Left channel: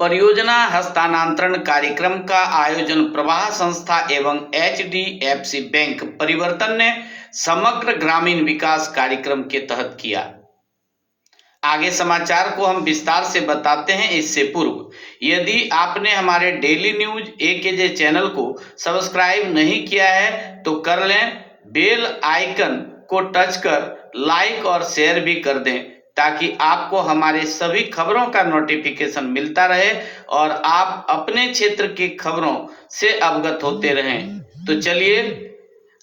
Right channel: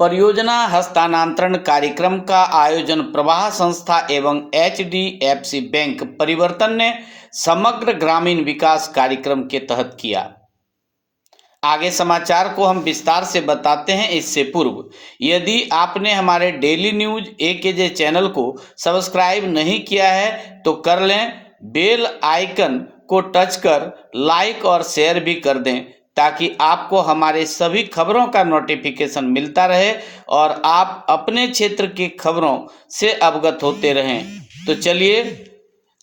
परियोजना हस्तांतरण कार्यक्रम का आयोजन प्रवाह संस्था एवं HDFC बैंक परिवर्तन ने समग्र ग्रामीण विकास कार्यक्रम के तहत किया। आगे समाचार को हम विस्तार से बताते हैं। इससे पूर्व यदि आपने हमारे डेली न्यूज AKJ चैनल को सब्सक्राइब नहीं किया है तो कर लें, बेल आइकन को टच कर लाइक और शेयर भी कर दें ताकि आपको हमारे सभी खबरों का नोटिफिकेशन मिलता रहे और आप अपने क्षेत्र की खबरों से अवगत होते रहें। तो चलिए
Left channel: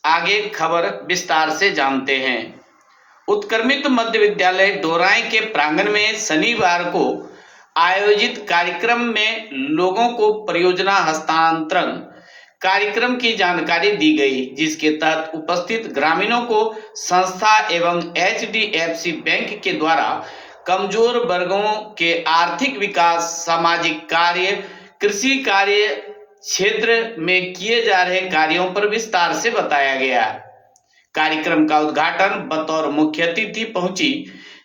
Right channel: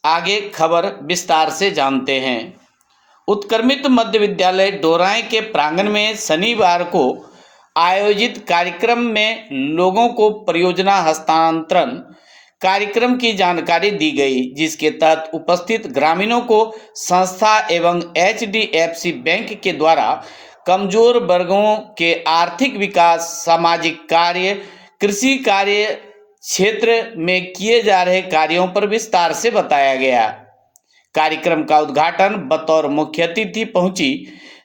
आगे खबर विस्तार से जानते हैं। उत्क्रमित मध्य विद्यालय डोराई के प्रांगण में शनिवार को आयोजित कार्यक्रम में लोगों को परियोजना हस्तांतरण कार्यक्रम की जानकारी दी गई, जिसके तहत उपस्थित ग्रामीणों को संस्था एवं HDFC बैंक के द्वारा कमजोर वर्गों के आर्थिक विकास, सामाजिक कार्य, कृषि कार्य क्षेत्र में किए जा रहे कार्यों पर विस्तार से बताया गया। कार्यक्रम का उद्घाटन बतौर मुख्य अतिथि पहुंची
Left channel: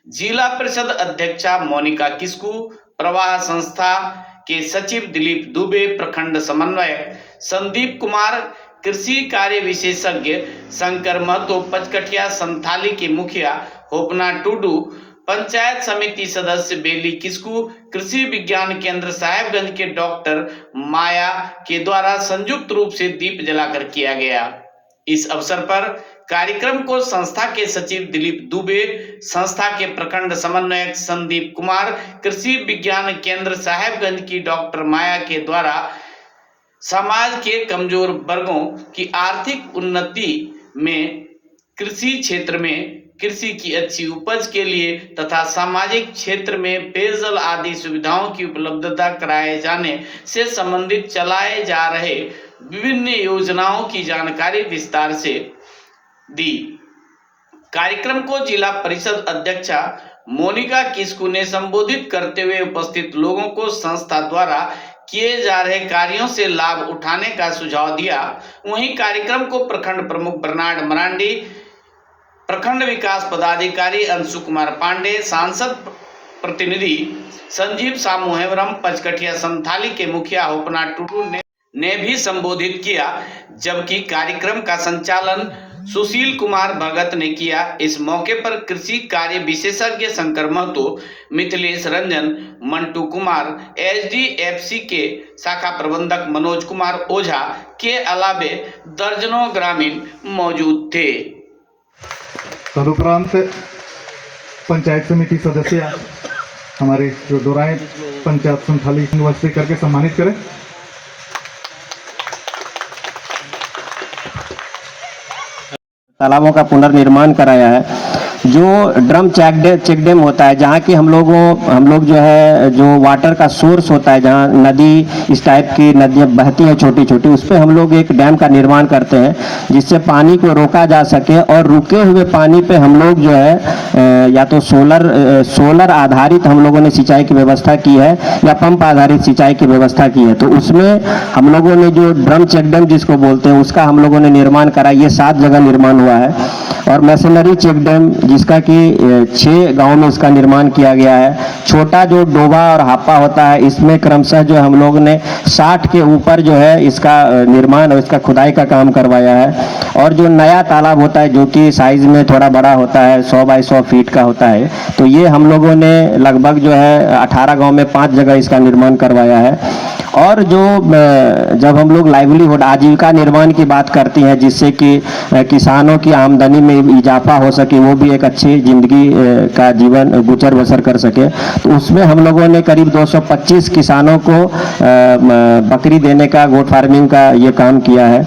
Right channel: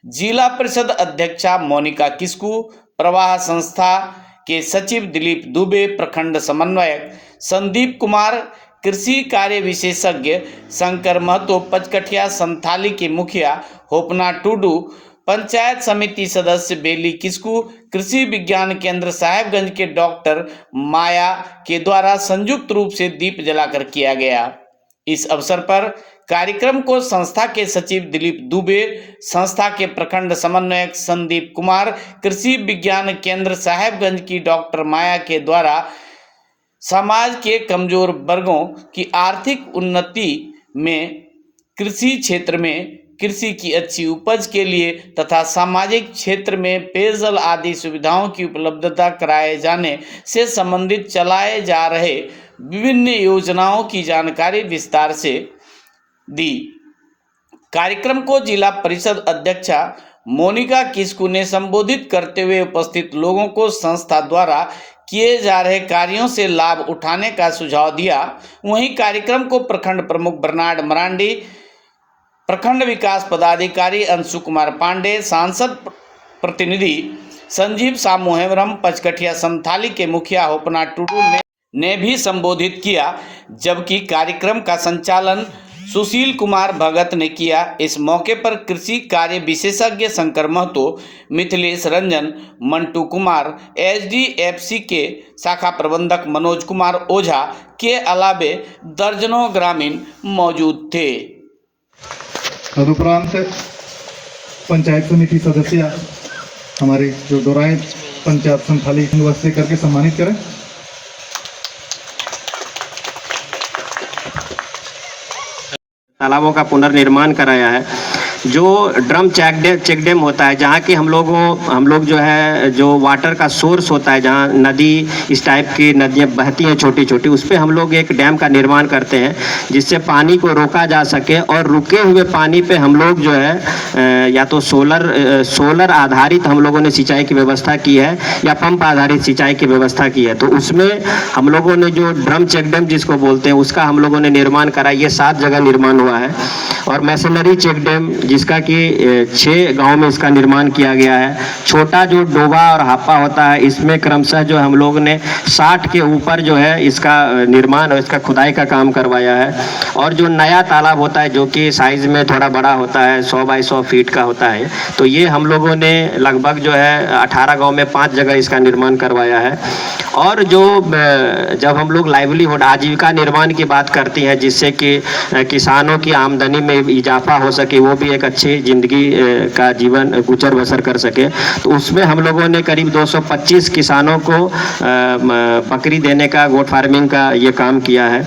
जिला परिषद अध्यक्षा मोनिका किस्कू, प्रवाह संस्था के सचिव दिलीप दुबे, प्रखंड समन्वयक संदीप कुमार, कृषि कार्य विशेषज्ञ शंकर महतो, पचकठिया संथाली के मुखिया होपना टुडू, पंचायत समिति सदस्य बेली किस्कू, कृषि विज्ञान केंद्र साहेबगंज के डॉक्टर माया के द्वारा संयुक्त रूप से दीप जलाकर किया गया। इस अवसर पर कार्यक्रम को संस्था के सचिव दिलीप दुबे, संस्था के प्रखंड समन्वयक संदीप कुमार, कृषि विज्ञान केंद्र साहेबगंज की डॉक्टर माया के द्वारा समाज के कमजोर वर्गों की आर्थिक उन्नति में, कृषि क्षेत्र में कृषि की अच्छी उपज के लिए तथा सामाजिक क्षेत्र में पेयजल आदि सुविधाओं की उपलब्धता कराए जाने से संबंधित चलाए जा रहे विभिन्न योजनाओं की जानकारी विस्तार से दी। कार्यक्रम को जिला परिषद अध्यक्षा मोनिका किस्कू ने संबोधित करते हुए उपस्थित लोगों को संस्था द्वारा किए जा रहे कार्यों से लाभ उठाने का सुझाव दिया। वहीं कार्यक्रम को प्रखंड प्रमुख बर्नार्ड मरांडी, प्रखंड विकास पदाधिकारी अंशु कुमार पांडे, सांसद प्रतिनिधि संजीव सामू हेम्ब्रम, पचकठिया संथाली के मुखिया होपना टुडू ने भी संबोधित किया, जबकि कार्यक्रम का संचालन सुशील कुमार भगत ने किया। इस मौके पर कृषि कार्य विशेषज्ञ शंकर महतो, मिथिलेश रंजन, मंटू कुमार, HDFC के शाखा प्रबंधक मनोज कुमार ओझा के अलावे दर्जनों ग्रामीण मौजूद थे। तदुपरांत पंचायत समिति सदस्य हमारे जो डोराई पंचायत संथाली निवासी करके सम्मानित करें। तालाबों का पुनर्निर्माण कराया है। जो ड्रम चेक डैम होता है, जहाँ की हम लोग जो है जो वाटर का सोर्स होता है, जहाँ नदी इस टाइप की नदियाँ बहती हैं छोटी छोटी, उस पर हम लोग एक डैम का निर्माण करते हैं जिससे पानी को रोका जा सके और रुके हुए पानी पे हम लोग जो है या तो सोलर आधारित हम लोगों ने सिंचाई की व्यवस्था की है या पंप आधारित सिंचाई की व्यवस्था की है। तो उसमें हम लोगों ने जो ड्रम चेक डैम जिसको बोलते हैं उसका हम लोगों ने निर्माण करा। ये 7 जगह निर्माण हुआ है। और मैसनरी चेक डैम जिसका कि 6 गांव में इसका निर्माण किया गया है। छोटा जो डोबा और हापा होता है, इसमें क्रमशः जो हम लोग ने 60 के ऊपर जो है इसका निर्माण और इसका खुदाई का काम करवाया है। और जो नया तालाब होता है जो कि साइज में थोड़ा बड़ा होता है, 100 बाई 100 फीट का होता है, तो ये हम लोगों ने लगभग जो है 18 गाँव में 5 जगह इसका निर्माण करवाया है। और जो जब हम लोग लाइवलीहुड आजीविका निर्माण की बात करती हैं जिससे कि किसानों की आमदनी में इजाफा हो सके, वो भी एक अच्छी जिंदगी का जीवन गुजर बसर कर सके, तो उसमें हम लोगों ने करीब 225 किसानों को बकरी देने का, गोट फार्मिंग का ये काम किया है।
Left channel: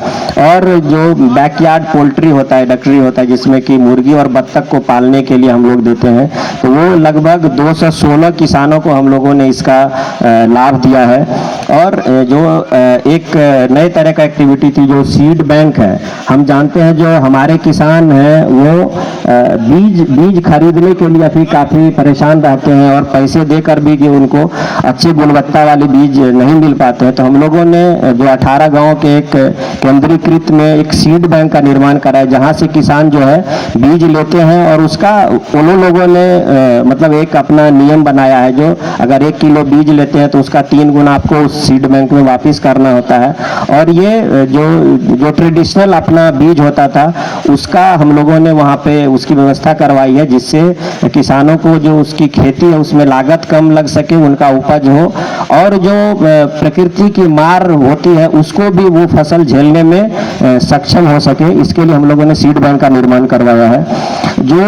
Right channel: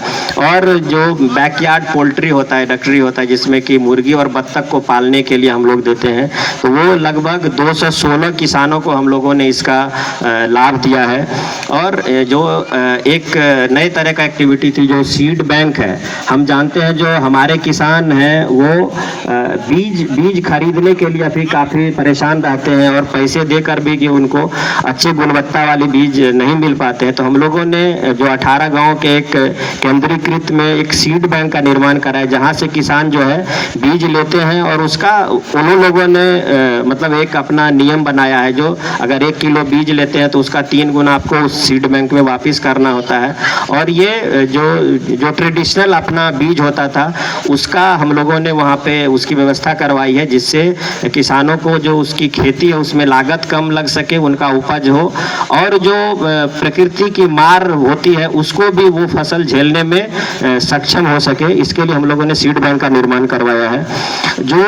और जो बैकयार्ड पोल्ट्री होता है, डक्टरी होता है, जिसमें कि मुर्गी और बत्तख को पालने के लिए हम लोग देते हैं, तो वो लगभग 216 किसानों को हम लोगों ने इसका लाभ दिया है। और जो एक नए तरह का एक्टिविटी थी जो सीड बैंक है। हम जानते हैं जो हमारे किसान हैं वो बीज खरीदने के लिए अभी काफ़ी परेशान रहते हैं और पैसे देकर भी कि उनको अच्छी गुणवत्ता वाली बीज नहीं मिल पाते हैं। तो हम लोगों ने जो 18 गांव के एक केंद्रीकृत में एक सीड बैंक का निर्माण करा है, जहां से किसान जो है बीज लेते हैं और उसका उन्हीं लोगों ने मतलब एक अपना नियम बनाया है, जो अगर 1 किलो बीज लेते हैं तो उसका 3 गुना आपको उस सीड बैंक में वापस करना होता है। और ये जो ट्रेडिशनल अपना बीज होता था उसका हम लोगों ने वहाँ पे उसकी व्यवस्था करवाई है, जिससे किसानों को जो उसकी खेती है उसमें लागत कम लग सके, उनका उपज हो, और जो प्रकृति की मार होती है उसको भी वो फसल झेलने में सक्षम हो सके। इसके लिए हम लोगों ने सीड बैंक का निर्माण करवाया है। जो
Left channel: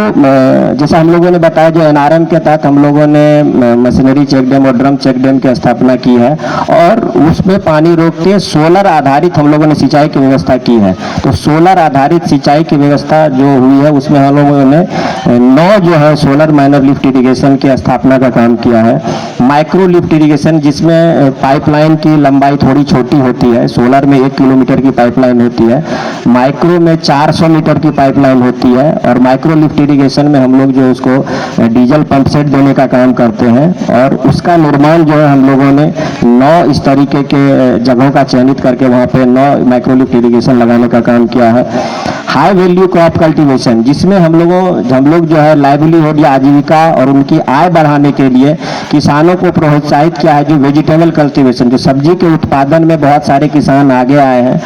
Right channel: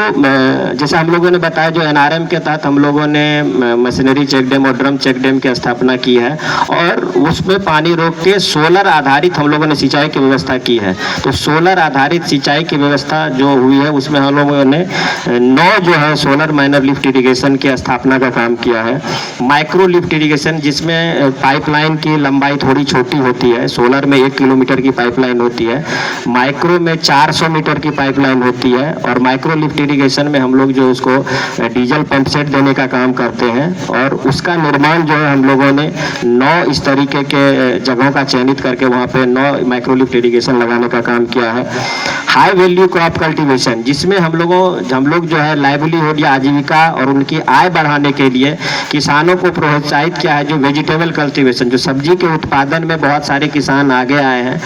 जैसा हम लोगों ने बताया, जो एनआरएम के तहत हम लोगों ने मशीनरी चेक डैम और ड्रम चेक डैम की स्थापना की है और उसमें पानी रोक के सोलर आधारित हम लोगों ने सिंचाई की व्यवस्था की है। तो सोलर आधारित सिंचाई की व्यवस्था जो हुई है उसमें हम लोगों ने 9 जो है सोलर माइनर लिफ्ट इरिगेशन की स्थापना का काम किया है। माइक्रो लिफ्ट इरिगेशन, जिसमें पाइपलाइन की लंबाई थोड़ी छोटी होती है, सोलर में 1 किलोमीटर की पाइपलाइन होती है, माइक्रो में 400 मीटर की पाइपलाइन होती है। और माइक्रो लिफ्ट इरिगेशन में हम लोग जो उसको डीजल पंप सेट देने का काम करते हैं और उसका निर्माण जो है हम लोगों ने 9 इस तरीके के जगहों का चयनित करके वहाँ पे 9 माइक्रो लिफ्ट इरिगेशन लगाने का काम किया है। हाई वैल्यू क्रॉप कल्टीवेशन, जिसमें हम लोग जो है लाइवलीहुड या आजीविका और उनकी आय बढ़ाने के लिए किसानों को प्रोत्साहित किया है। जो वेजिटेबल कल्टीवेशन, जो सब्जी के उत्पादन में बहुत सारे किसान आगे आए हैं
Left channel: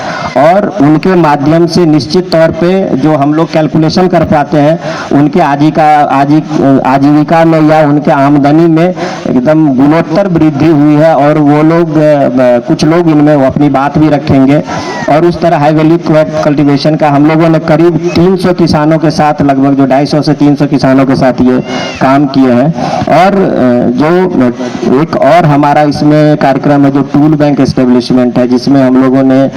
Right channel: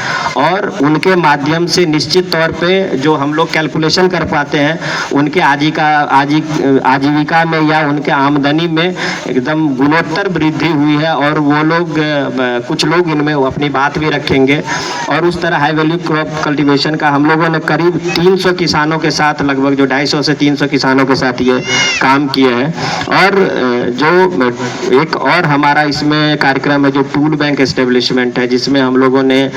और उनके माध्यम से निश्चित तौर पे जो हम लोग कैलकुलेशन कर पाते हैं उनके आजीविका में या उनके आमदनी में एकदम गुणोत्तर वृद्धि हुई है। और वो लोग कुछ लोग इनमें अपनी बात भी रखेंगे। और उस तरह हाई वैल्यू क्रॉप कल्टीवेशन का हम लोगों ने करीब 300 किसानों के साथ, लगभग जो 250 से 300 किसानों के साथ ये काम किए हैं। और जो एक और हमारा इसमें कार्यक्रम है जो टूल बैंक एस्टेब्लिशमेंट है, जिसमें हम लोगों ने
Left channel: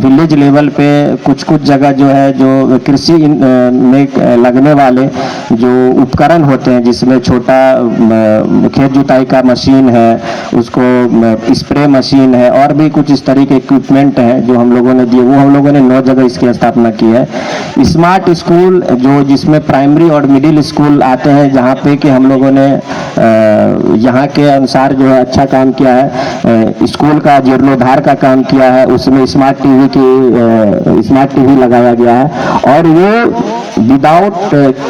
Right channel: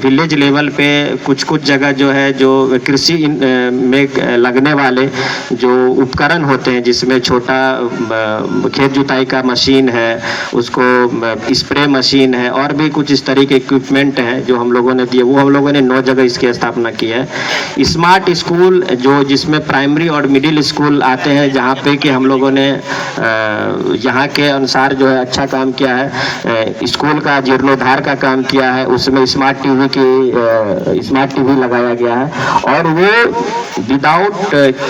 विलेज लेवल पे कुछ जगह जो है जो कृषि में लगने वाले जो उपकरण होते हैं, जिसमें छोटा खेत जुताई का मशीन है, उसको स्प्रे मशीन है और भी कुछ इस तरह के इक्विपमेंट हैं जो हम लोगों ने दिए, वो हम लोगों ने 9 जगह इसकी स्थापना की है। स्मार्ट स्कूल, जो जिसमें प्राइमरी और मिडिल स्कूल आते हैं, जहाँ पे कि हम लोगों ने यहाँ के अनुसार जो है अच्छा काम किया है। स्कूल का जीर्णोद्धार का काम किया है, उसमें स्मार्ट टीवी लगाया गया है और वो विदाउट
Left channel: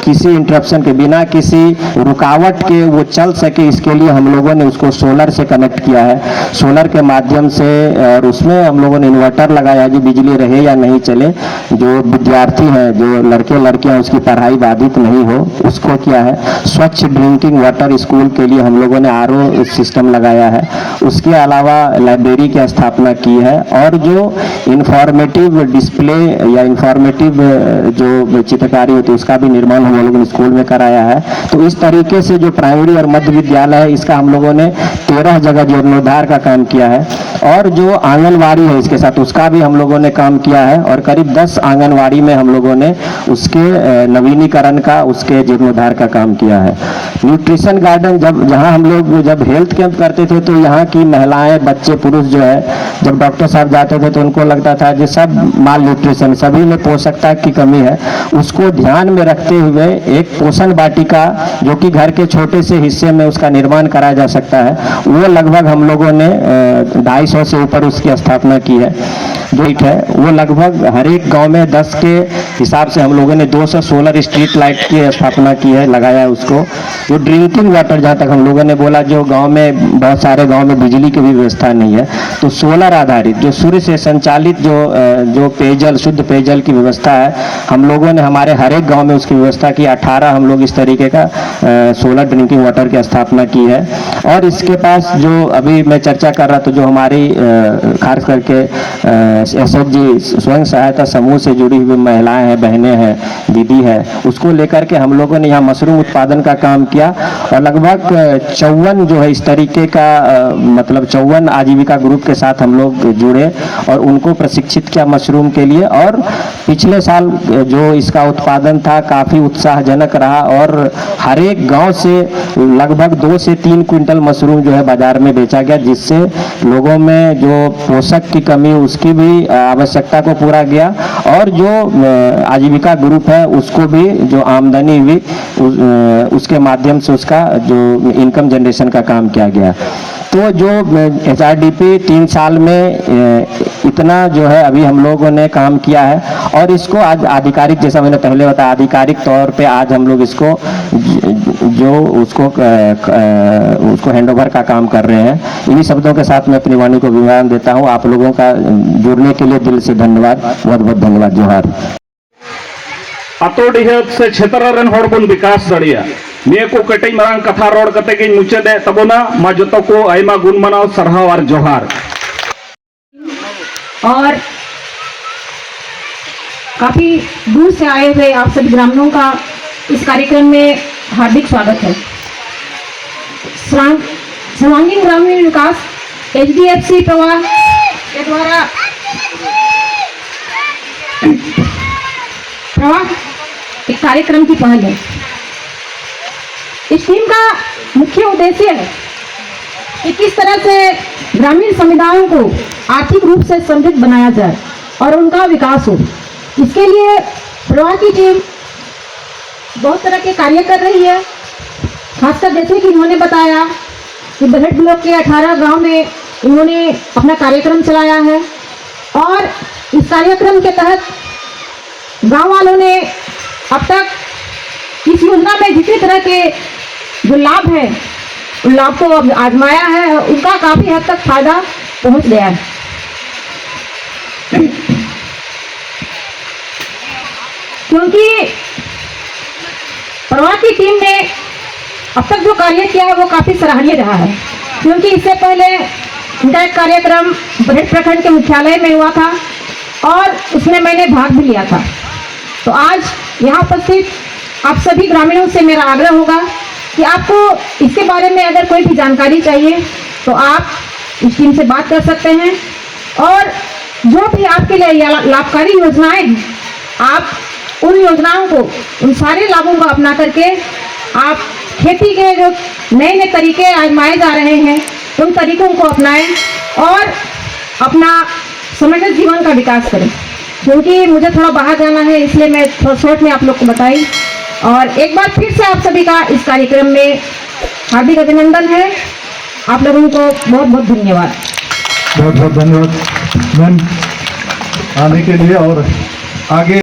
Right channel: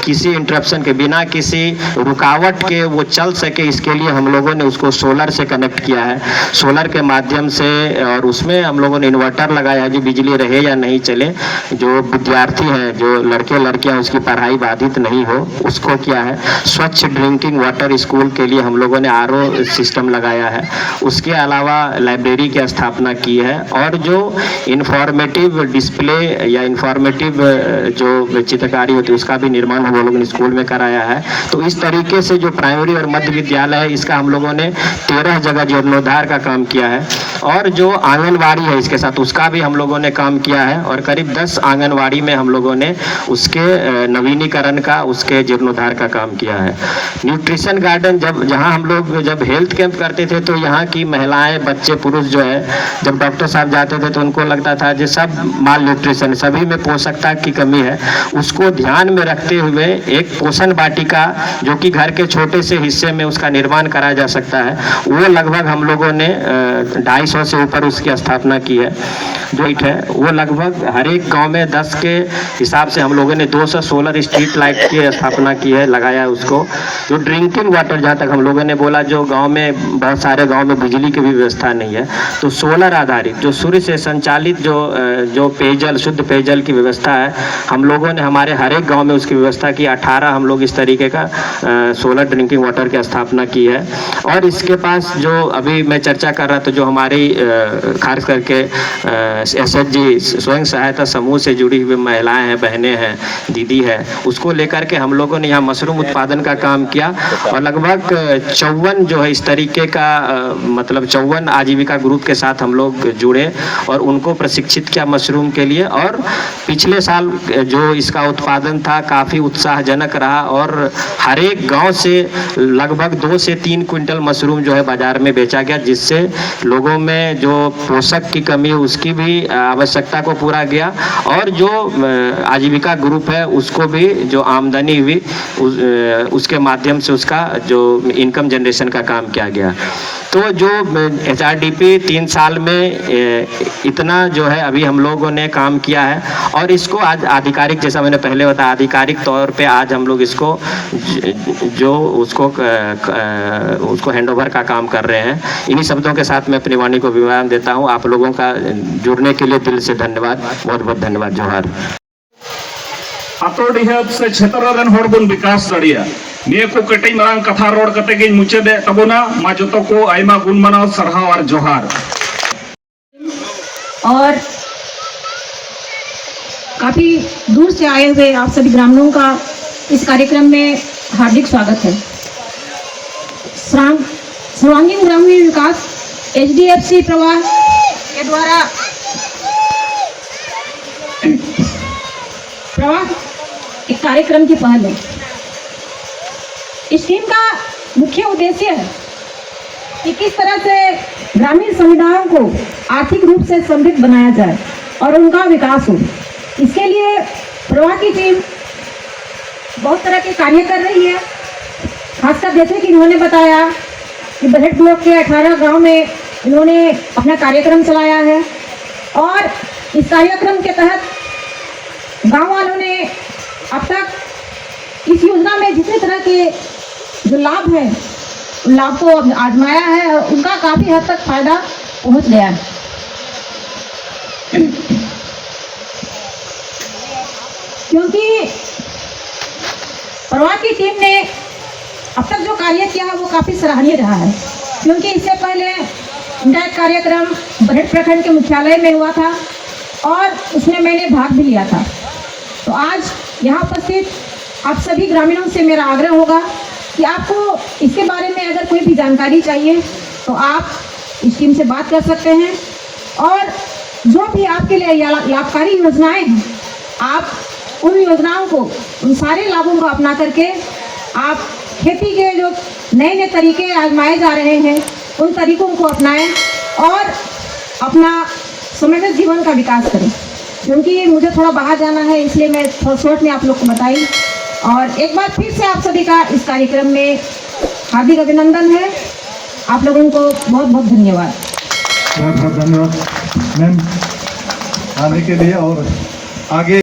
किसी इंटरप्शन के, बिना किसी रुकावट के वो चल सके, इसके लिए हम लोगों ने उसको सोलर से कनेक्ट किया है। सोलर के माध्यम से, और उसमें हम लोगों ने इन्वर्टर लगाया है, जो बिजली रहे या नहीं चले, जो विद्यार्थी हैं, जो लड़के लड़कियां, उसकी पढ़ाई बाधित नहीं हो, उसको किया है। स्वच्छ ड्रिंकिंग वाटर स्कूल के लिए हम लोगों ने RO सिस्टम लगाया है। उसके अलावा लाइब्रेरी की स्थापना की है और जो इंफॉर्मेटिव डिस्प्ले या इंफॉर्मेटिव जो चित्रकारी होती है उसका भी निर्माण हम लोगों ने स्कूल में कराया है। तो इस तरीके से जो प्राइमरी और मध्य विद्यालय है, इसका हम लोगों ने 13 जगह जीर्णोद्धार का काम किया है। और जो आंगनवाड़ी है इसके साथ, उसका भी हम लोगों ने काम किया है और करीब 10 आंगनवाड़ी में हम लोगों ने उसके नवीनीकरण का, उसके जीर्णोद्धार का काम किया है। न्यूट्रिशन गार्डन, जहाँ हम लोग जब हेल्थ कैंप करते थे तो यहाँ की महिलाएं, बच्चे, पुरुष जो है, जब डॉक्टर साहब जाते थे तो उनको लगता था जो सब माल न्यूट्रिशन, सभी में पोषकता की कमी है, उसको ध्यान में रखते हुए एक पोषण वाटिका, जो कि घर के छोटे से हिस्से में उसका निर्माण कराया जा सकता है, वो लगभग हम लोगों ने 250 से ऊपर उसकी स्थापना की है। जो है वो लगभग हर एक गांव में 10 के हिसाब से हम लोगों ने 200 सोलर स्ट्रीट लाइट की स्थापना की है, लगाया जो ड्रिंकिंग वाटर, जहाँ तक हम लोगों ने बोला, जो गांव में बहुत सारे गांव में बिजली की भी व्यवस्था नहीं है, तो सोलर आधारित जो सूर्य से संचालित जो पेयजल, शुद्ध पेयजल की व्यवस्था है, हम लोगों ने हमारे हर एक गांव में उसकी व्यवस्था की। 18 हम लोग इस तरीके का सोलर ड्रिंकिंग वाटर की स्थापना की है। और इसके पास जो अभी मैं चर्चा कर रहा था, जो हमारे हमारी खास करके SHG स्वयं सहायता समूह से जुड़ी हुई महिलाएं हैं, बहनें हैं, दीदी है, उसको लेकर के हम लोगों ने यहाँ मशरूम उत्पादन का काम किया और लगभग 54 जो है इस तरीके का मतलब 54 आजीविका ग्रुप के साथ हम लोग जुड़े और उनको प्रशिक्षित किया मशरूम के लिए। और पिछले साल जो इसका उत्पादन था काफ़ी उत्साहजनक रहा और हर एक गांव से लगभग 2 से 3 क्विंटल मशरूम जो है बाजार में बेचा गया, जिससे लोगों में जो पोषक की कमी उसकी भी आवश्यकता को पूरा गया और जो आजीविका ग्रुप है उसको भी जो आमदनी हुई उसके माध्यम से उसका जो इनकम जनरेशन का काम किया गया। तो जो HRDP 3 साल में इतना जो है अभी हम लोगों ने काम किया है और इसको आज आधिकारिक, जैसा मैंने पहले बताया, आधिकारिक तौर पे आज हम लोग इसको जो उसको हैंडओवर का काम कर रहे हैं। इन्हीं शब्दों के साथ मैं अपनी वाणी को विराम देता हूँ। आप लोगों का जुड़ने के लिए दिल से धन्यवाद, बहुत बहुत धन्यवाद। जोहार। आतोडिहत से क्षेत्र रन हर बन विकास दड़िया निये को कटई मांग कथा रोड कते गे मुचादे तबोना मा जतो को आयमा गुण मनाव सरहाव और जोहार। और काफी दूर से आए हुए आप सभी ग्रामीणों का इस कार्यक्रम में हार्दिक स्वागत है। सर्वांगीण ग्रामीण विकास HDFC प्रवाह के द्वारा प्रवाह एक कार्यक्रम की पहल है। इस टीम का मुख्य उद्देश्य है कि किस तरह से ग्रामीण समुदायों को आर्थिक रूप से समृद्ध बनाया जाए और उनका विकास हो। इसके लिए प्रवाह की टीम बहुत तरह के कार्य कर रही है। खासकर जैसे कि उन्होंने बताया कि बजट ब्लॉक के 18 गांव में उन्होंने अपना कार्यक्रम चलाया है और इस कार्यक्रम के तहत गांव वालों ने अब तक इस योजना में जितने तरह के जो लाभ है उन लाभ को आजमाया है और उनका काफी हद तक फायदा पहुंच गया है। क्योंकि प्रवाह की टीम ने अब तक जो कार्य किया है वो काफी सराहनीय रहा है। क्योंकि इससे पहले उनका एक कार्यक्रम बरहट प्रखंड के मुख्यालय में हुआ था और उसमें मैंने भाग भी लिया था। तो आज यहाँ उपस्थित आप सभी ग्रामीणों से मेरा आग्रह होगा कि आपको इसके बारे में अगर कोई भी जानकारी चाहिए तो आप इस टीम से बात कर सकते हैं और जो भी आपके लिए लाभकारी योजनाएं हैं आप उन योजनाओं को, उन सारे लाभों को अपना करके आप खेती के जो नए नए तरीके आजमाए जा रहे हैं उन तरीकों को अपनाएं और अपना समृद्ध जीवन का विकास करें। क्योंकि मुझे थोड़ा बाहर जाना है इसलिए मैं थोड़ा शॉर्ट में आप लोग को बताई। और एक बार फिर से आप सभी का इस कार्यक्रम में हार्दिक अभिनंदन है। आप लोगों को बहुत बहुत धन्यवाद। बहुत बहुत धन्यवाद मैम आने के लिए और आगे